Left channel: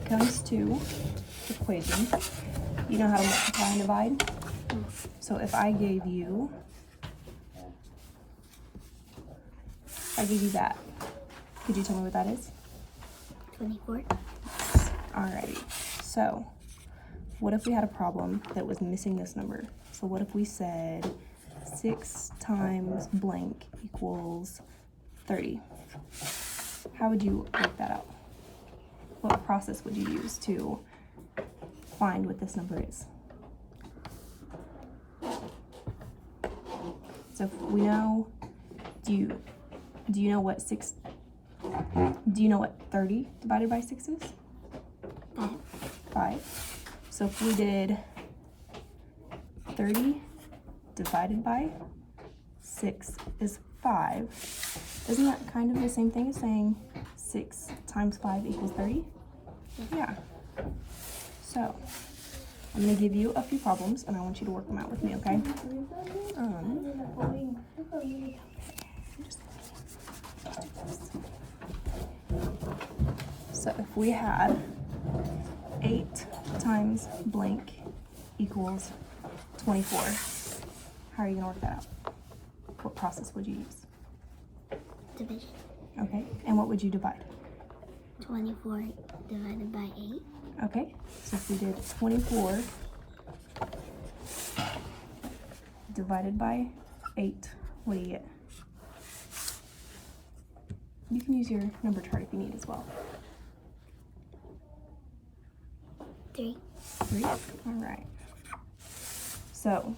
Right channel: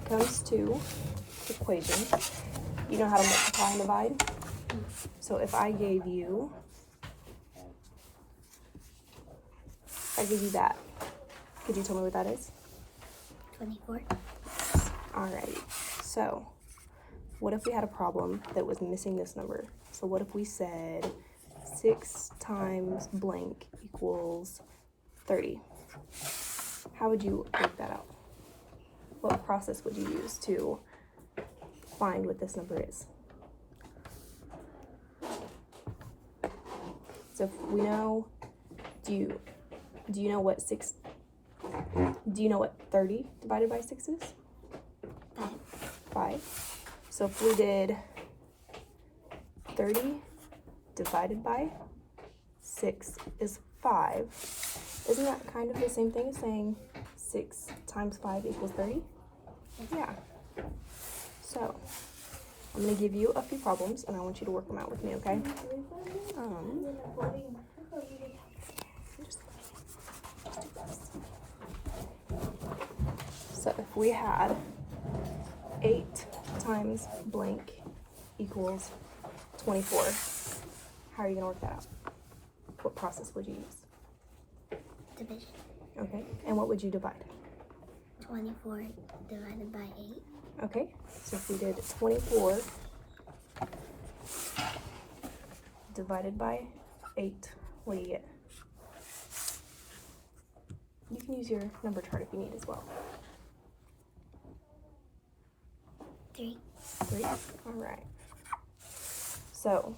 it comes to equations, you know how to multiply and divide? So if I gave you that, could you tell me what that is? 24. Alrighty, so what if we had a problem that was missing this number? So what if we said 6 times blank equals 30? How would you work that out? What process would you use to find what this number is? So if we know, do you know what 30 divided by 6 is? 5. So if we did 30 divided by 6 is 5, isn't that kind of the same thing as saying 6 times 5 equals 30? Yeah. So I'm going to give you a few problems and I want you to work them out with me, okay? So if we had 8 times blank equals 24, how are you going to work that out? What process would you use? Division. Okay, and what would you divide? 24 divided by 8. Okay, so if we did 24 divided by 8, what do you get? You can use your number chart if you need as well. 3. 3, all right. So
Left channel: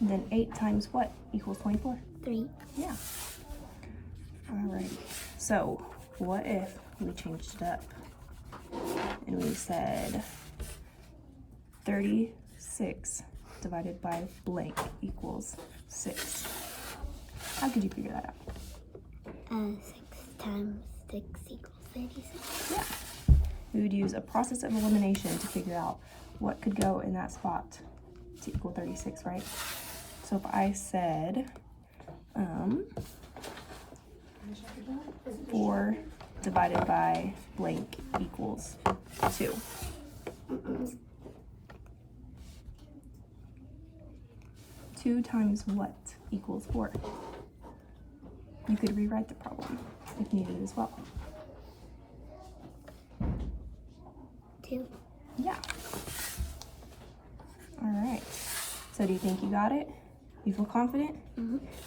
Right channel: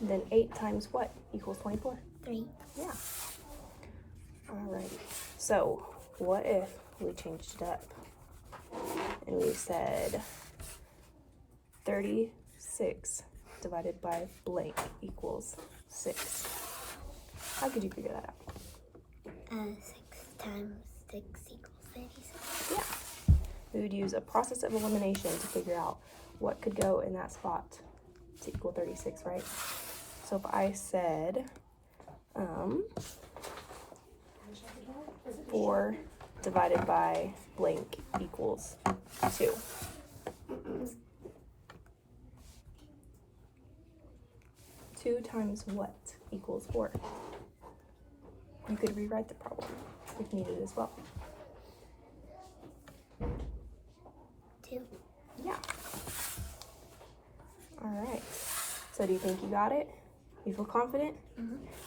then 8 times what equals 24? 3. Yeah. All right, so what if we changed it up and we said 36 divided by blank equals 6? How could you figure that out? 6 times 6 equals 36. Yeah. We would use a process of elimination to figure out what could go in that spot to equal 36, right? So if I said 4 divided by blank equals 2. 2 times what equals 4? You could rewrite the problem if needed as well. 2. Yeah. All right. So do you think you got it? You feel confident?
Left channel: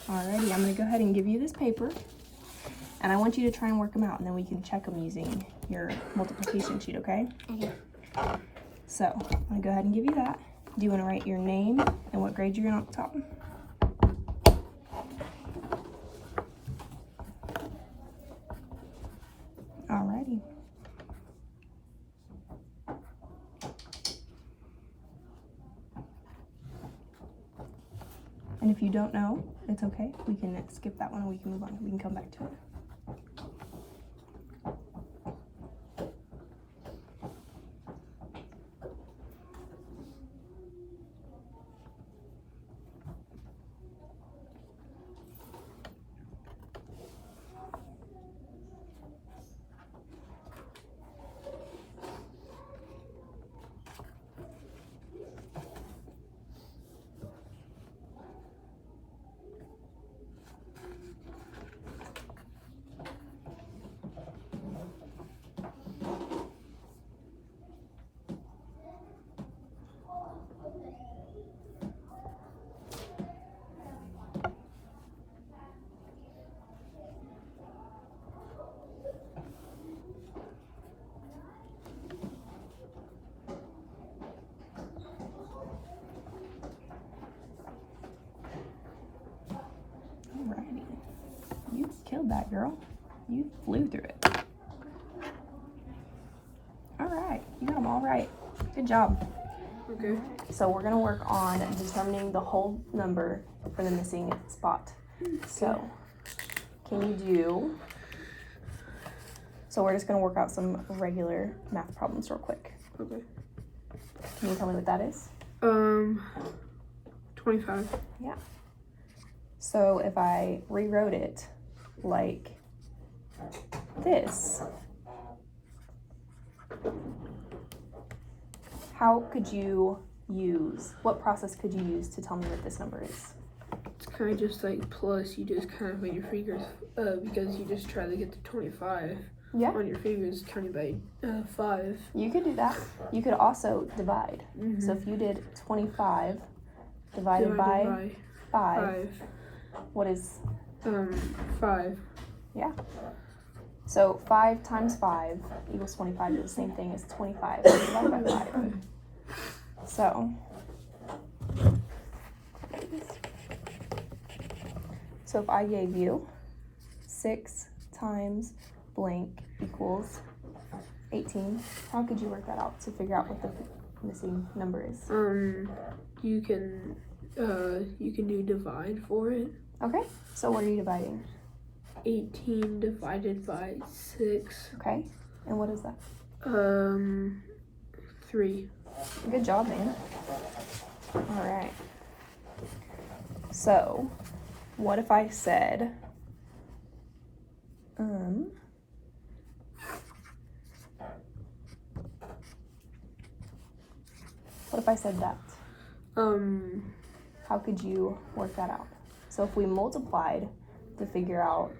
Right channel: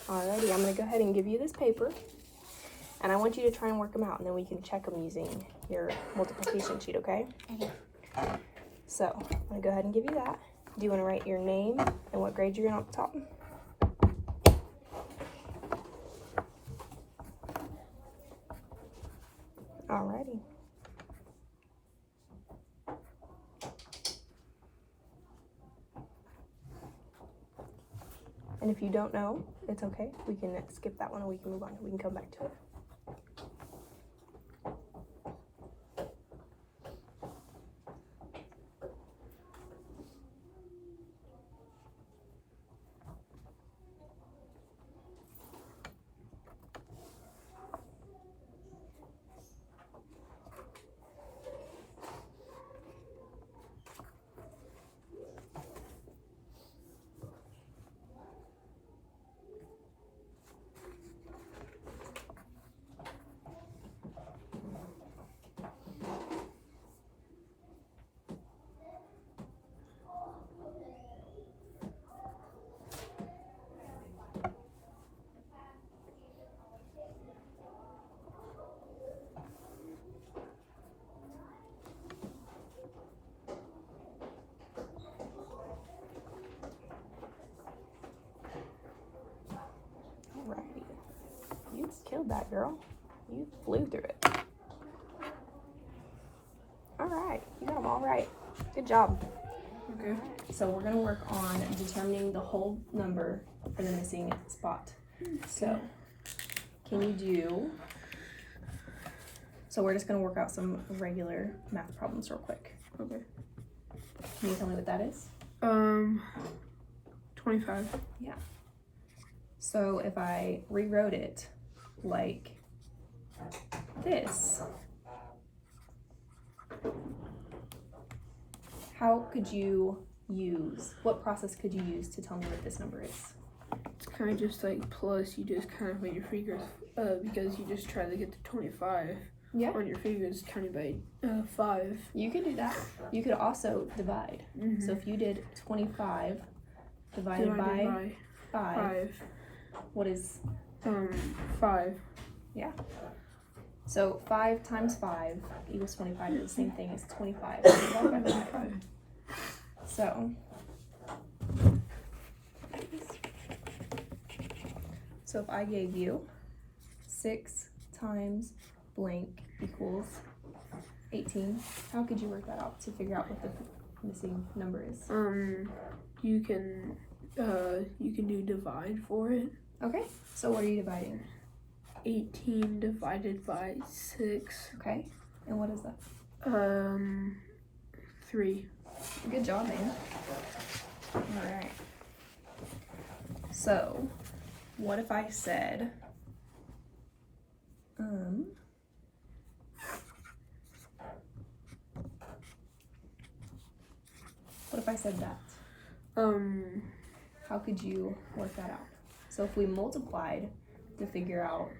Alrighty, I'm going to go ahead and give you this paper. And I want you to try and work them out, and then we can check them using your multiplication sheet, okay? Okay. So I'm going to go ahead and give you that. Do you want to write your name and what grade you're in on the top? Alrighty. And if you don't know, it's okay. We can skip that one and we can move on. We can come back to it. Alrighty. You killed that, girl. You flew through it. Alright, you got them all right. Good job. Okay. So we're going to work on determining the whole number for the missing spot. So, can you do... So we're just going to work out some regular math problems real quick. Okay. Can you tell me what that is? 25. Yeah. So if I rewrote it like this, how could you use, what process could you use to tell me what this number is? It's kind of just like plus, you just kind of put your fingers, because you just try to get to 25 Yeah. on your fingers, counting by 5. You could do that. You could also divide. Mm-hmm. So if you did 25 divided by 5, what is, 5. so 5 times 5 equals 25 is the same thing as 25 divided by 5. So if I gave you 6 times blank equals 18, how could you work that out to figure out what the missing number is? You can do divide for it. Okay, so what are you dividing? 18 divided by 6. Okay, and what is that? 3. Good job, man. Alright. So, what if I said, what if I said that? How could you work that out? So if we multiplied to figure out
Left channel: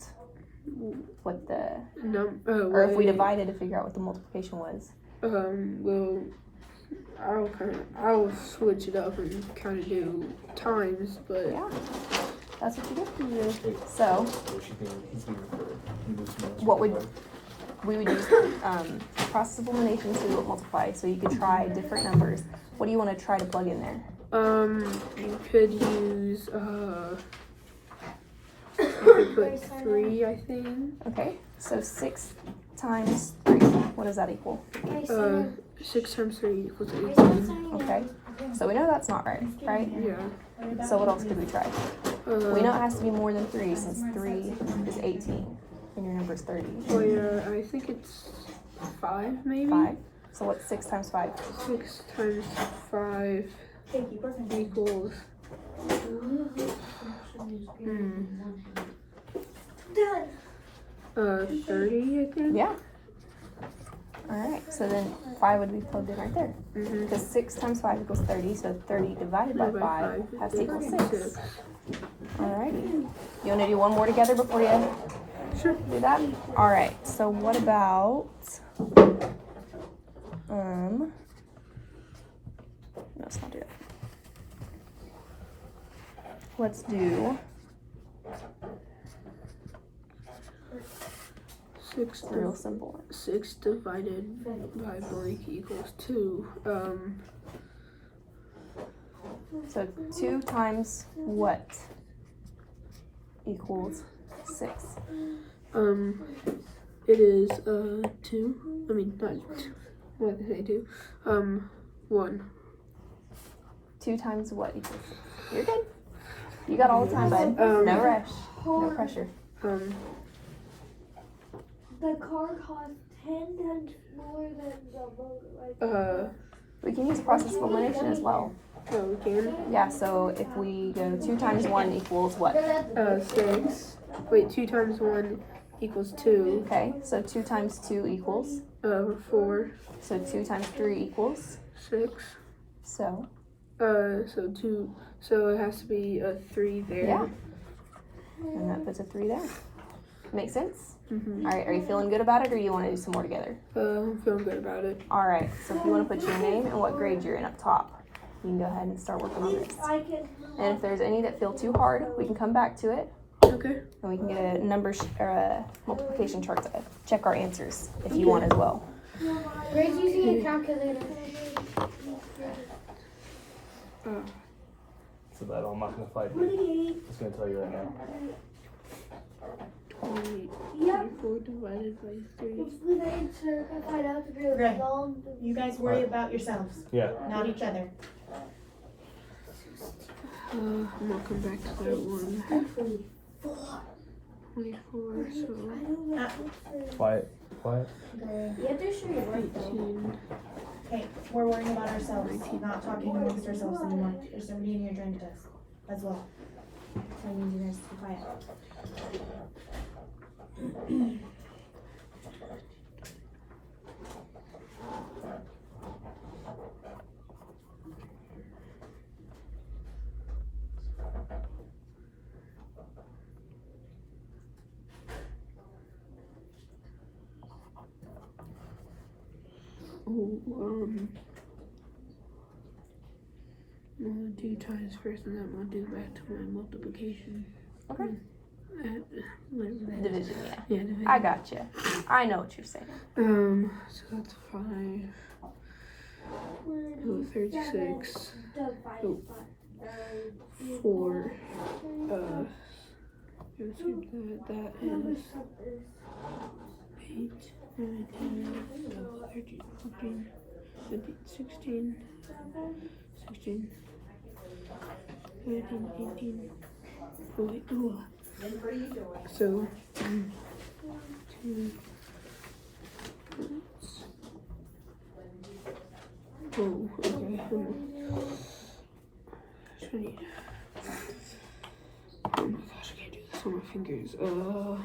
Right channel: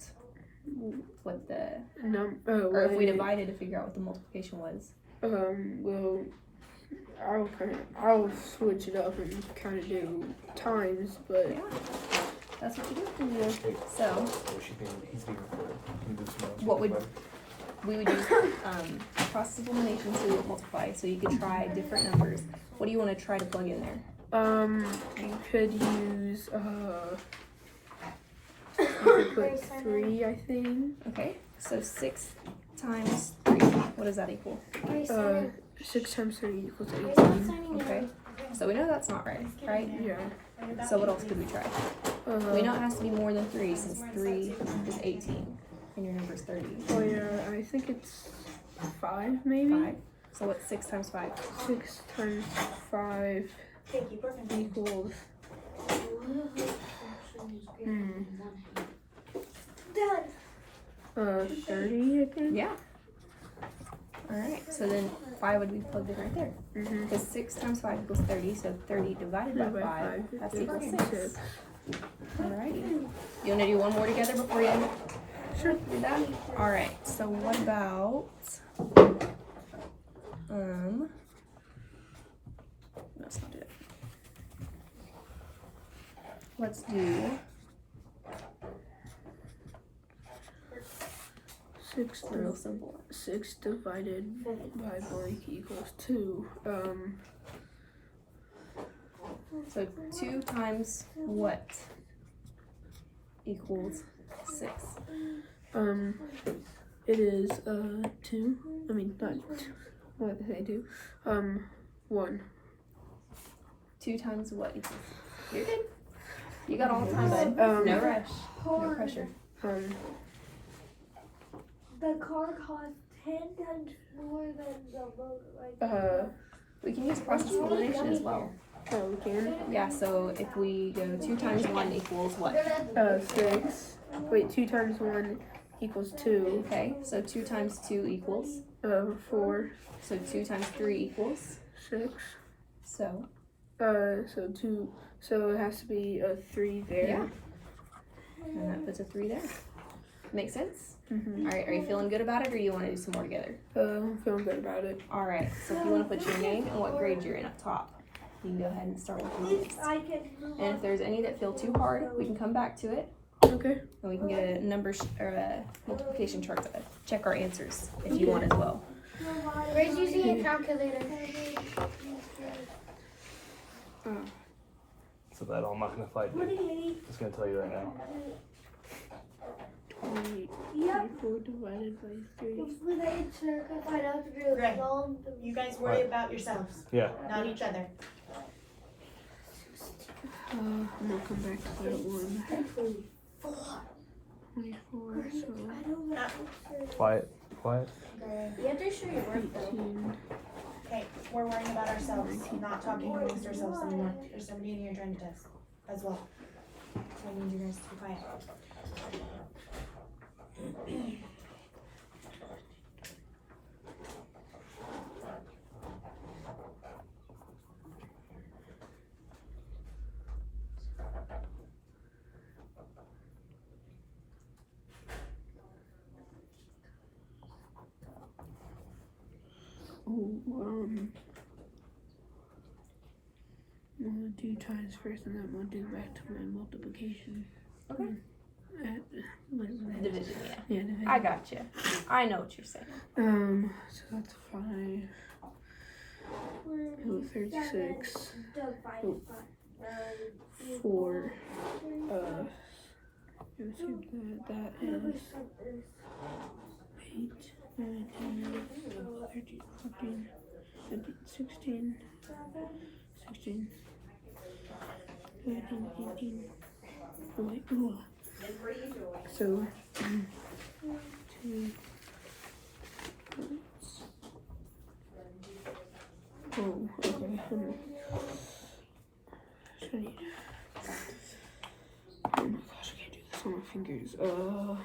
what the, or if we divided to figure out what the multiplication was. Well, I'll switch it up and kind of do times, but Yeah, that's what you do. So, what would, we would use process of elimination to multiply, so you could try different numbers. What do you want to try to plug in there? you could use you could put 3, I think. Okay, so 6 times 3, what does that equal? 6 times 3 equals 18. Okay, so we know that's not right, right? Yeah. So what else could we try? We know it has to be more than 3 since 3 is 18 and your number is 30. Oh yeah, I think it's 5 maybe. 5. So what's 6 times 5? 6 times 5 equals 30, I think. Yeah. Alright, so then 5 would be plugged in right there. Mm-hmm. Because 6 times 5 equals 30, so 30 divided by 5 has to equal 6. Alrighty. You want to do one more together before you Sure. do that? Alright, so what about, no, let's not do that. Let's do 6 a real simple one. 6 divided by blank equals 2. So 2 times what equals 6? It is 2. I mean, not 2. What did I say 2? 1. 2 times what equals 6? You're good. You got all the time, bud. No rush. No pressure. The car costs 10 times more than the motor. We can use process of elimination as well. Oh, we can. Yeah, so if we go 2 times 1 equals what? 6. Wait, 2 times 1 equals 2. Okay, so 2 times 2 equals? 4. So 2 times 3 equals? 6. So? So 2. So it has to be a 3 there. Yeah. And that puts a 3 there. Make sense? Mm-hmm. Alright, are you feeling good about it or do you want to do some more together? I'm feeling good about it. Alright, so if you want to put your name and what grade you're in up top, you can go ahead and start working on this. And if there's any that feel too hard, we can come back to it Okay. and we can get a number or a multiplication chart to check our answers if you want as well. Grace using a calculator. So that I'm not gonna fight you. Just gonna tell you right now. 24 divided by 3. Greg, you guys worry about yourselves, Yeah. not each other. I'm gonna come back to that one. 24, so Quiet. Quiet. 18. Okay, we're worrying about ourselves, not talking amongst ourselves anymore. There's somebody in here trying to us as well. So I need you guys to be quiet. I'm gonna do times first, and then I'm gonna do back to my multiplication. Okay. Whatever that is. Division, yeah. Yeah, division. I got you. I know what you're saying. So that's 5. Oh, 36. Oh, 4. Let's see, that is 8, 9, 10, 12, 13, 14, 15, 16, 17, 18. Oh, wait, oh. So, 2. Oh, okay. I need. Oh my gosh, I can't do this on my fingers. So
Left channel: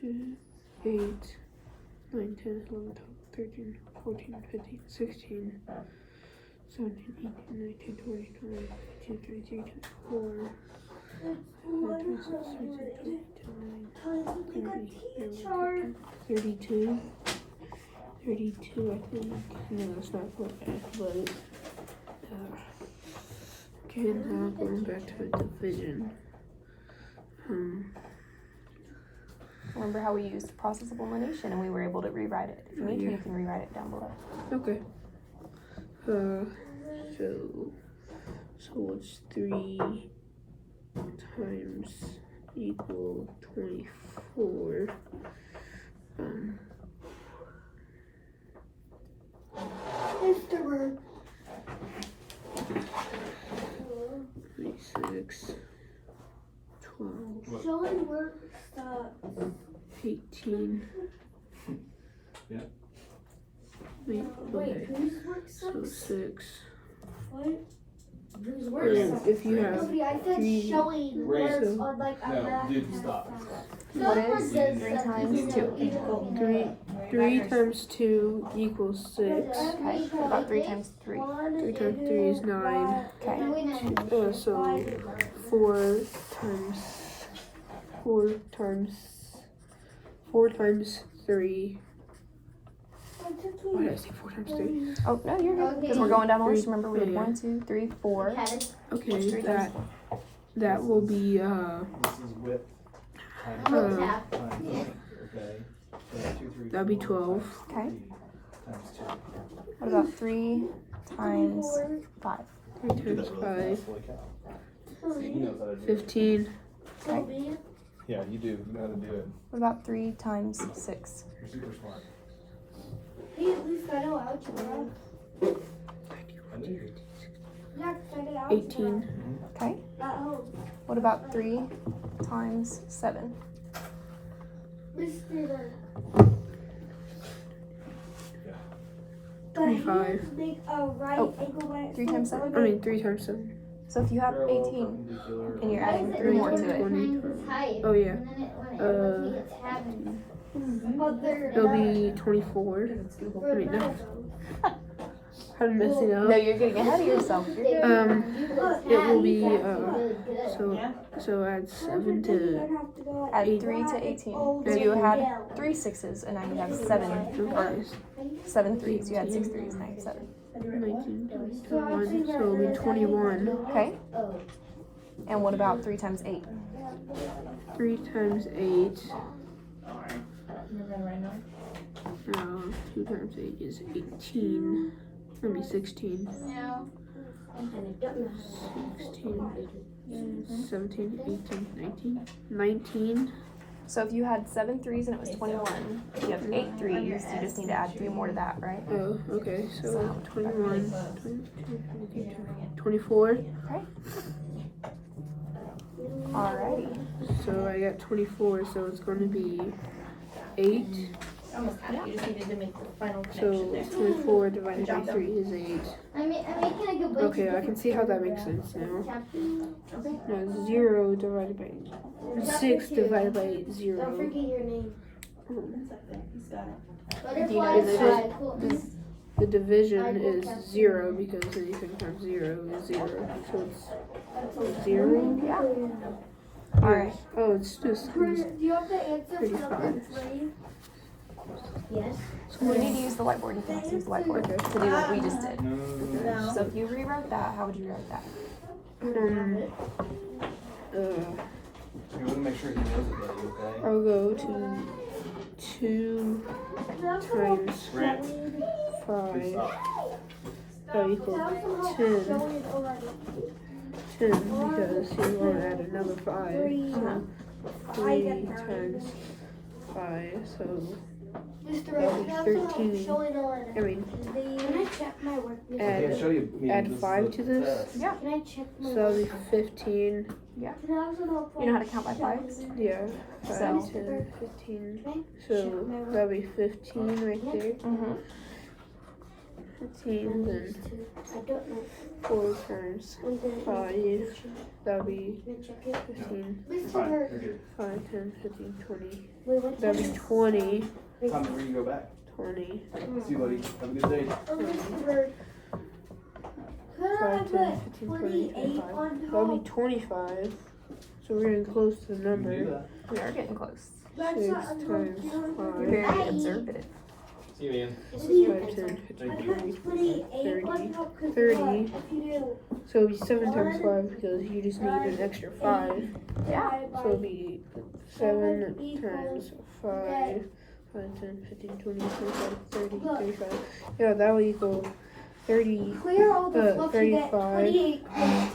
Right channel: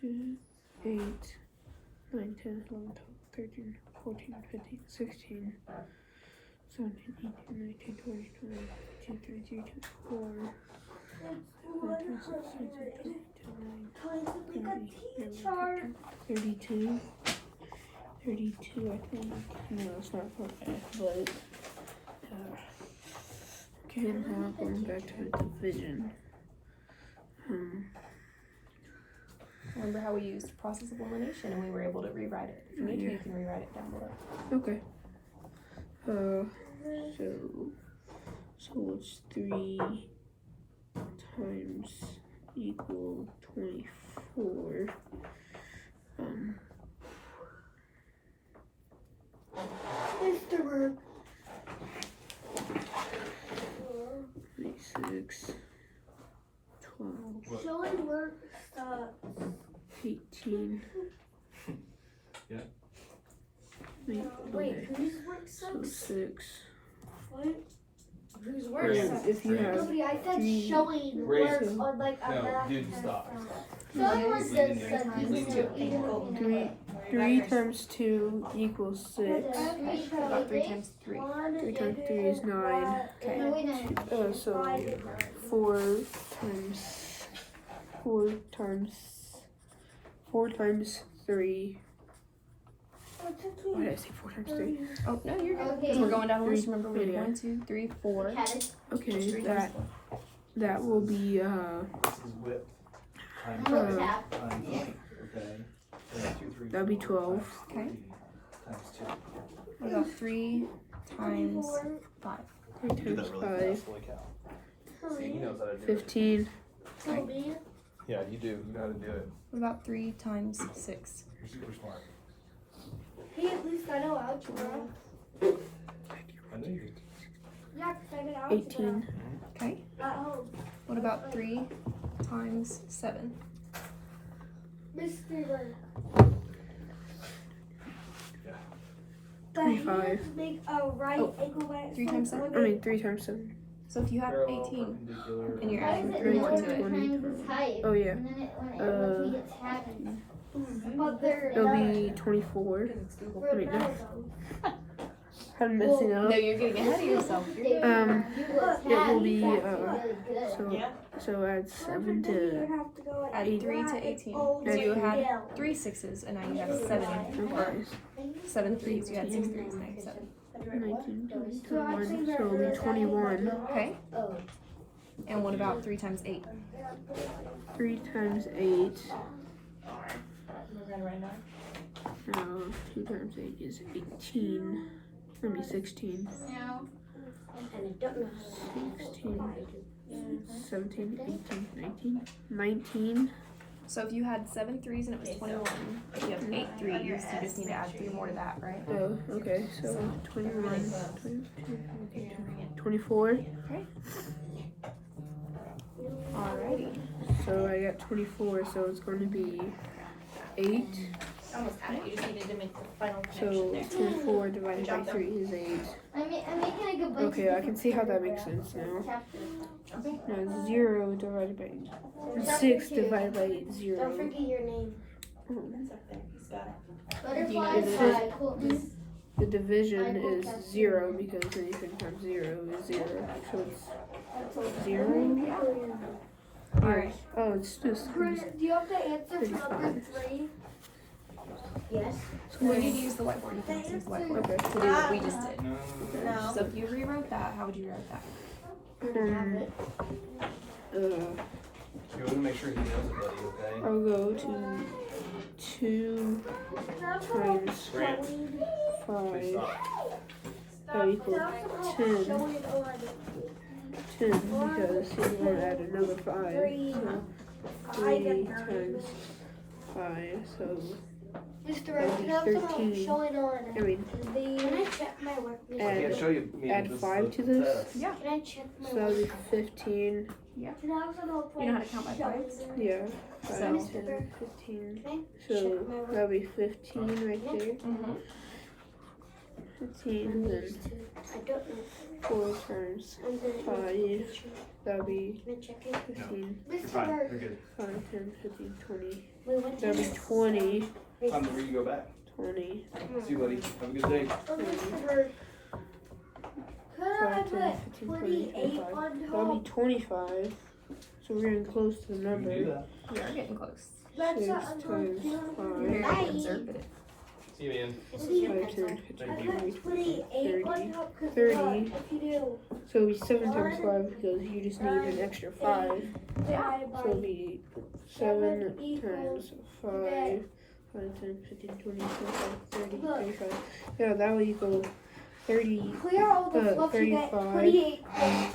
2, 8, 9, 10, 11, 12, 13, 14, 15, 16, 17, 18, 19, 20, 21, 22, 23, 24, 26, 27, 28, 32. 32, I think. No, that's not correct, but okay, now going back to the division. Remember how we used process of elimination and we were able to rewrite it? If you need to, you can rewrite it down below. Okay. So what's 3 times equal 24? Mr. Burke. 26, 12, Showing work stuff. 18. Yeah. Wait, okay. Whose work So sucks? 6. What? Whose work Oh, sucks? if you have I said 3, showing Right. work So- on like No, other dude, stop. What is 3 times 2? 3 times 2 equals 6. Okay. What about 3 times 3? 3 times 3 is 9. Okay. So 4 times 3. Why did I say 4 times 3? Oh, no, you're good. Because we're going down the list. Remember, we had Yeah. 1, 2, 3, 4. Okay, 3 times 4. that will be This is width times uh times length, okay? So 2, 3, that'd be 4, 12. Okay. times 2. What about 3 times 5? 3 times 5, He knows how to do it. 15. Okay. Yeah, you do. You know how to do it. What about 3 times 6? You're super smart. Hey, at least I know algebra. I do. Yeah, 'cause I did algebra 18. Okay. at home. What about 3 times 7? Mr. 25. Make a right Oh, angle by 3 times 7? I mean 3 times 7. So if you have 18 and you're adding 3 more to it, 20. Oh yeah. But they're It'll be 24. I mean no. I'm messing no, up. you're getting ahead of yourself. You're good. It will be so add 7 to Add 3 to 18. So you had 3 6s and now you have 7 okay. 7 3s. You had 6 3s, now you have 7. 19, 20, 21. So it'll be 21. Okay. And what about 3 times 8? 3 times 8. No, 2 times 8 is 18. Let me 16. 16, 17, 18, 19. 19. So if you had 7 3s and it was 21, you have 8 3s, you just need to add 3 more to that, right? Oh, okay. So 21, 22, 23, 24. Okay. Alrighty. So I got 24, so it's going to be 8. So 24 divided by 3 is 8. Okay, I can see how that makes sense now. Now 0 divided by 6 divided by 0. Do you know The division is 0 because anything times 0 is 0. So it's 0. Yeah. Yes. Alright. Oh, it's just Do you have to answer 35. number 3? Yes. So You need to use the whiteboard. You can also use the whiteboard to do what we just did. No. So if you rewrote that, how would you write that? We're gonna make sure he knows it, buddy, okay? I'll go to 2 times Grant, 5 stop. that equals 10. 10 because he want to add another 5. So 3 times 5. So that'll be 13. I mean, Can I check my work? I can't show you. add 5 to this. Yeah. Can I check my So that'll be 15. You know how to count by fives? Yeah. 5, So- 10, 15. So that'll be 15 right there. Mm-hmm. 15, then I don't know. 4 times 5. That'll be 15. Fine, you're good. 5, 10, 15, 20. We went to That'll be 20. Time to go back. 20. See you, buddy. Have a good day. 5, 10, 15, 20, 25. That'll be 25. So we're getting close to the You number. can do that. We are getting close. 6 times You're 5. very observative. See you, man. 5, 10, 15, 20, 25, 30. 30. So it'll be 7 times 5 because you just need an extra 5. Yeah. So it'll be 7 times 5. 5, 10, 15, 20, 25, 30, 35. Yeah, that will equal 30. Clear all the fluff to get 35. 28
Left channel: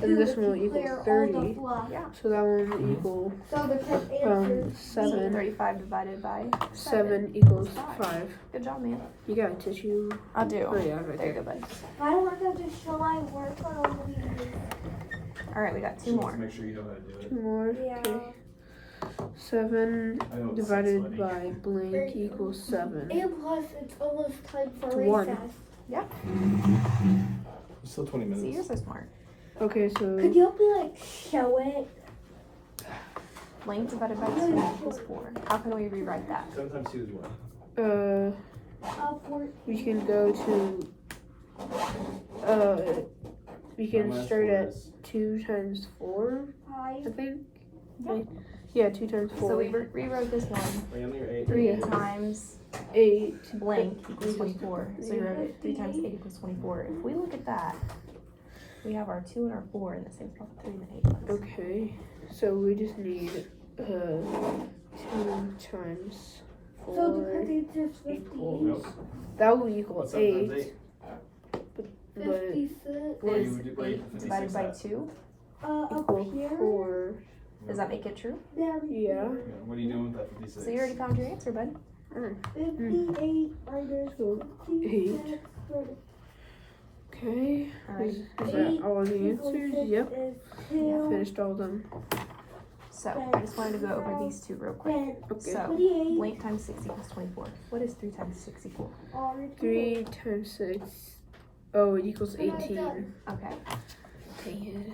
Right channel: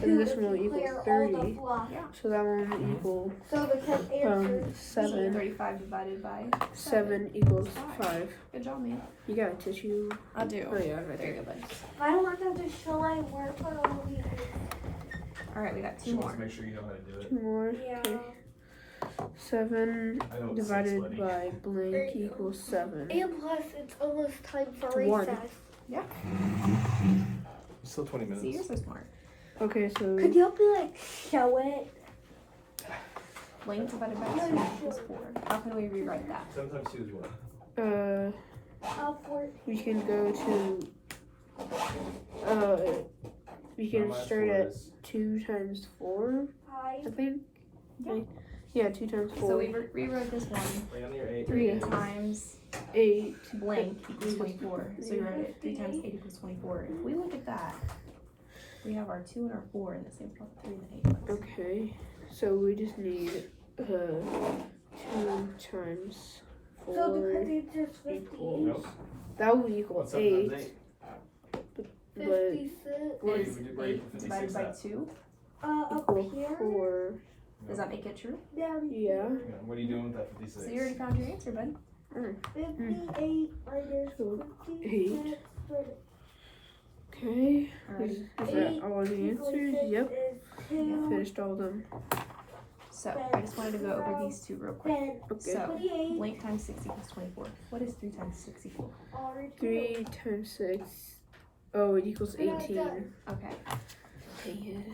And this one will clear equal all 30. the fluff. So that one will equal So the correct answer 7. 35 divided by 7 equals 5. Good job, man. You got a tissue? I do. Oh yeah, right Very there. good, bud. I want them to show my work on all these. All right, we got 2 Just more. Make sure you know how to do it. 2 more. Okay. 7 I know it's divided funny. by blank equals 7. And plus, it's almost time for It's recess. 1. Still 20 See, you're minutes. so smart. Okay, so Could you help me like show it? Blank divided by 2 equals 4. How can we rewrite that? 7 times 2 is what? we can go to we can start at 2 times 4, I think. Yeah. Right? Yeah, 2 times 4. So we rewrote this one. Are you on your 8? 3 Yeah. times 8. blank equals 24. So we wrote it 3 times 8 equals 24. If we look at that, we have our 2 and our 4 in the same spot. 3 and the 8. Okay, so we just need 2 times 4 equals. Nope. That will equal What's up, times 8. But What Is would you- what 8 do you divided by think? 2? equal 4. Does that make it true? Yeah. What are you doing with that 56? So you already found your answer, bud. 58 minus So 8. Okay. All right. Is that all the answers? Yep. Yeah. Finished all of them. So I just wanted to go over these 2 real quick. Okay. So blank times 6 equals 24. What does 3 times 6 equal? 3 times 6. Oh, it equals 18. Okay. Dang it.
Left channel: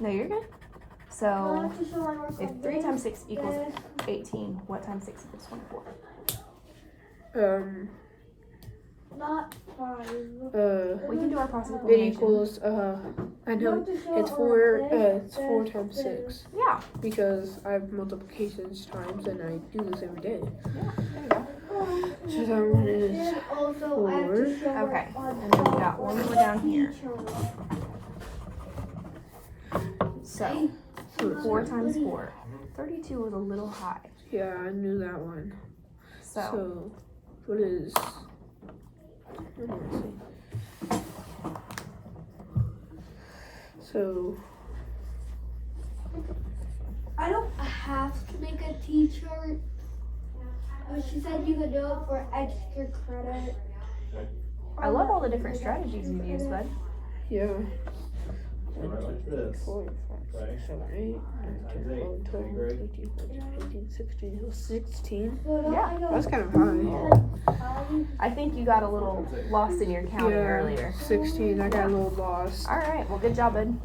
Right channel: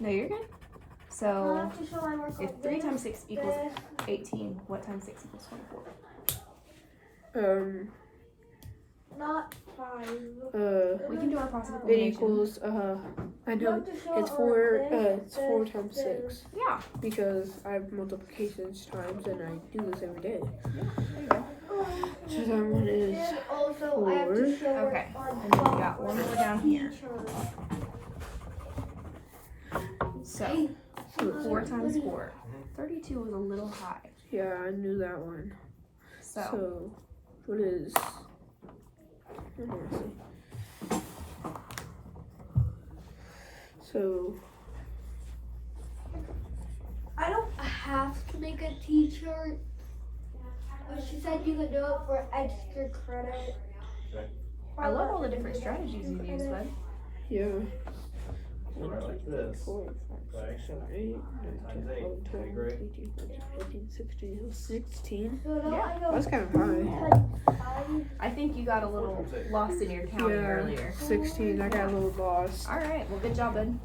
No, you're good. So if 3 times 6 equals 18, what times 6 equals 24? Not 5. We can do our process of It elimination. equals, I know, it's 4 times 6. Yeah. Because I have multiplications times and I do this every day. Yeah. There you go. So that one is 4. Okay. And then we got one more down here. So 4 times 4. 32 is a little high. Yeah, I knew that one. So, what is... Let me see. So, I don't have to make a t-shirt. She said you could do it for extra credit. I love all the different strategies you use, bud. yeah. 1, 2, 3, 4, 5, 6, 7, 8, 9, 10, 11, 12, 13, 14, 15, 16, 16. Yeah. That's kind of high. I think you got a little lost in your counting Yeah, earlier. 16. I got a little lost. All right. Well, good job, bud.